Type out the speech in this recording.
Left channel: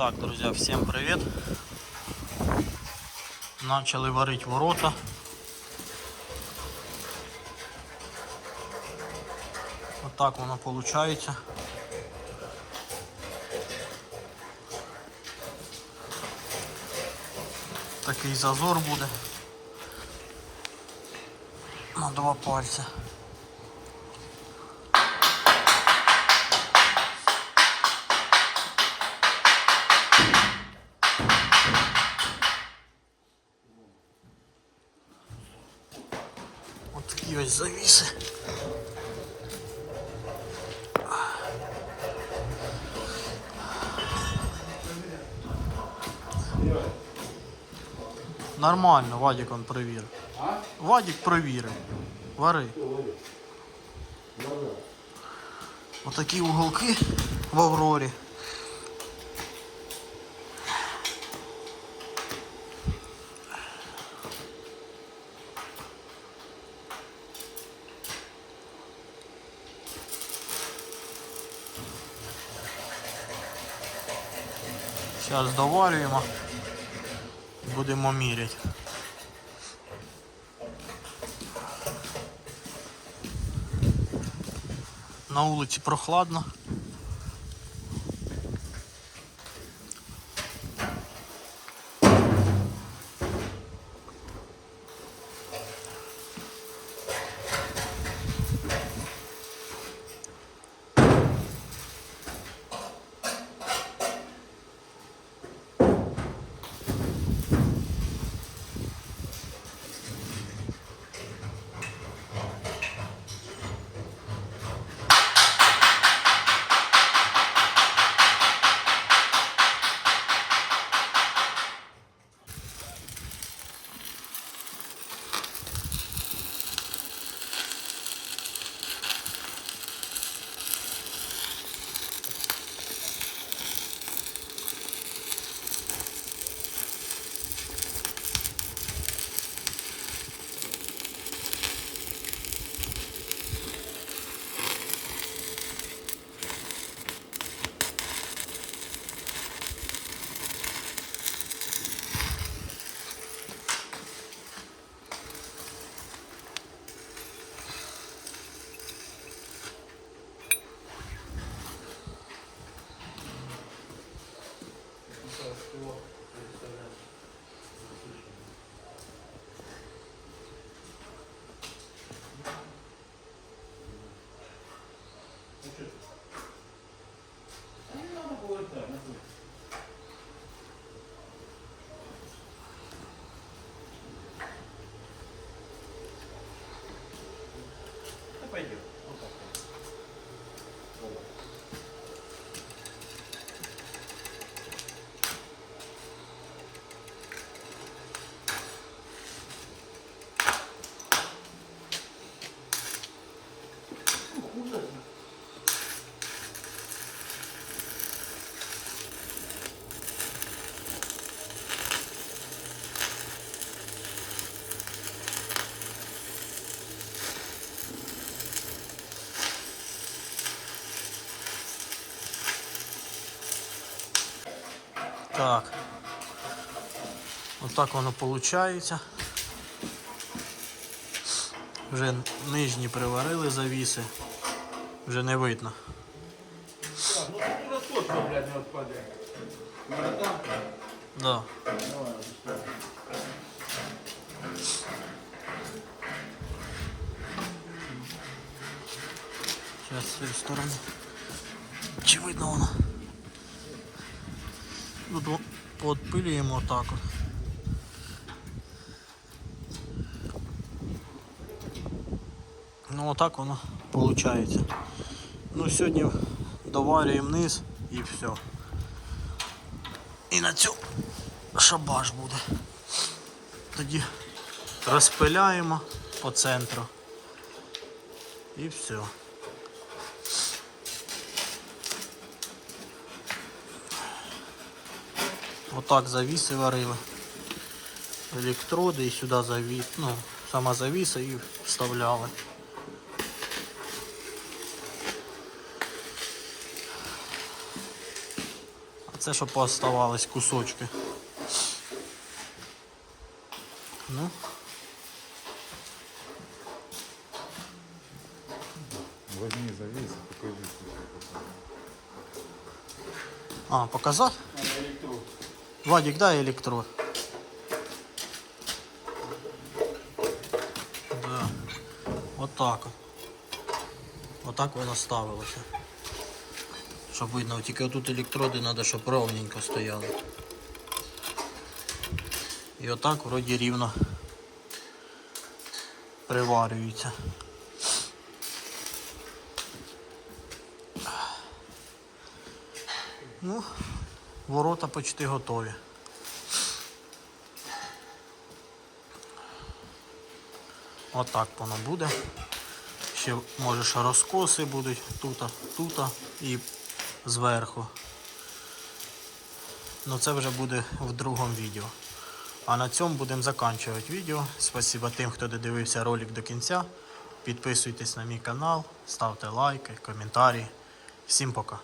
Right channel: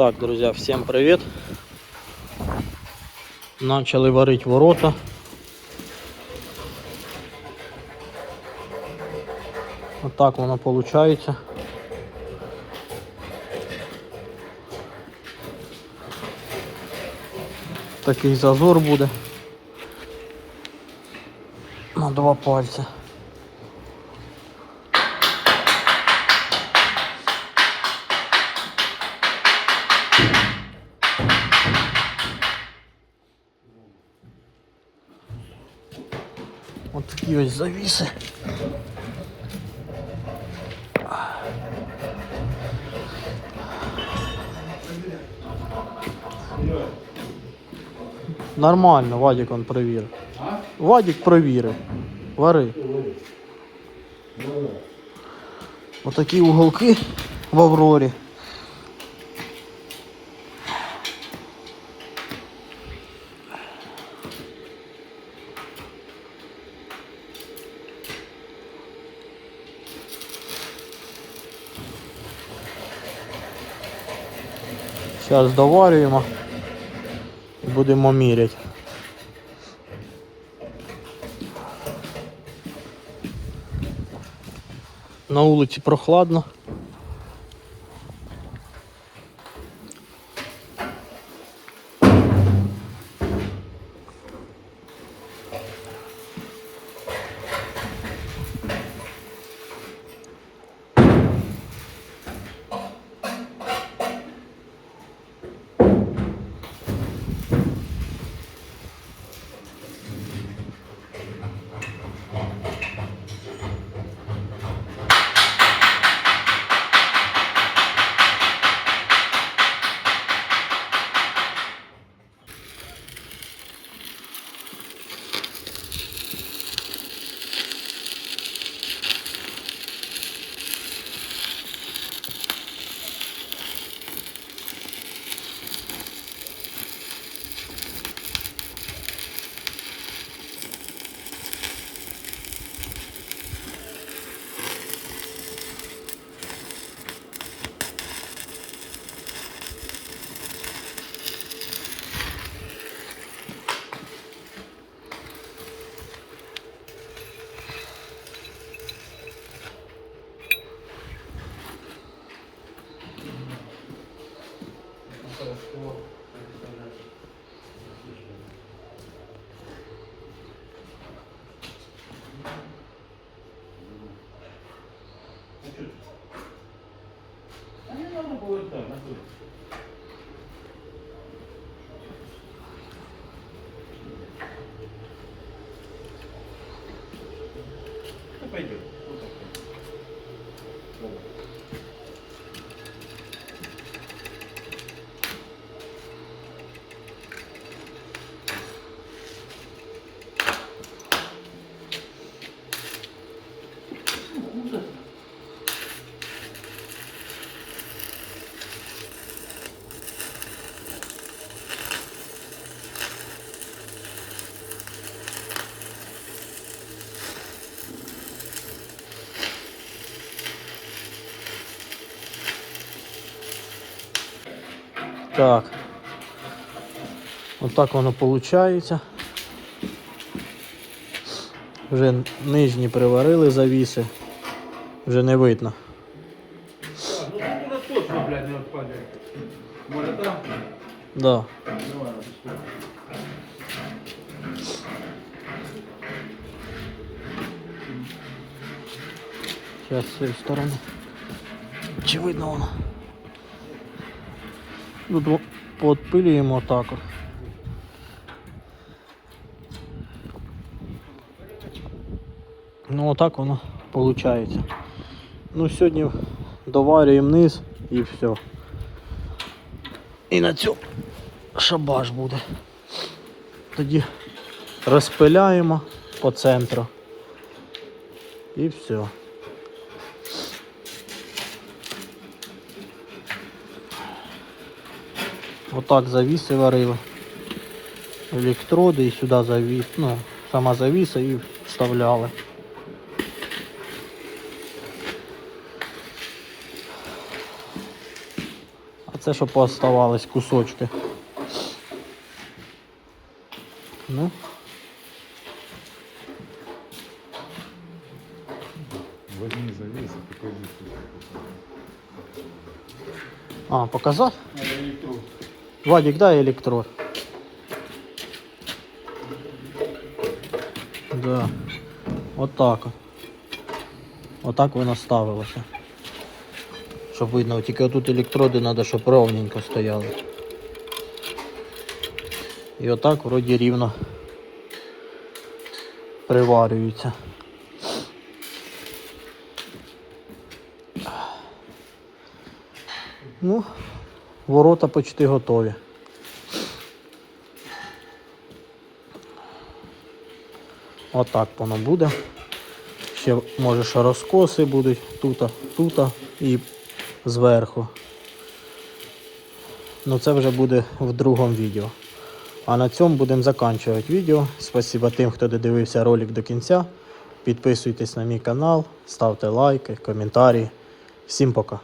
Так, друзья, всем привет. Начали варить ворота. Вот так воно получается. Такий зазор буде. На два пальця. От такі ось завіси. Нормально, Вадик он провірив. Вадик провірив. Вари. Отакі уголки в Аврорі. Зараз доварюємо і будемо міряти. На вулиці прохладно. やっぱり Так. Отак воно виходить. Вже нижні приварили завіси. Вже не видно. Так, Ну тут точно, блядь, не відпаде. Може там? Да. Давай, Зараз з цієї сторони. Чи видно воно? Тут подпилюємо так. от. Ну отак воно виходить. Ну сьогодні доварюємо низ і все. І на цю шабаш буде. Тоді розпиляємо по центру. І все. Отак завіси варили. Електроди і сюди завіс, ну, сама завіса і вставляли. А це що пооставались кусочки. Ну. А, показати? Вадик, дай електрод. Да. От. Отак воно ставилося. Щоб видно, тільки отут електроди треба, щоб ровненько стояли. І отак вроді рівно приварюється. Ну, ворота почти готові. Отак воно буде. Ще може ще розкоси будуть тут, тут і зверху. Ну це вже буде в другому відео. А на цьому будемо закінчувати відео. Спасибо тим, хто додивився ролик до кінця. Підписуйтесь на мій канал, ставте лайки, коментарі. Всім пока.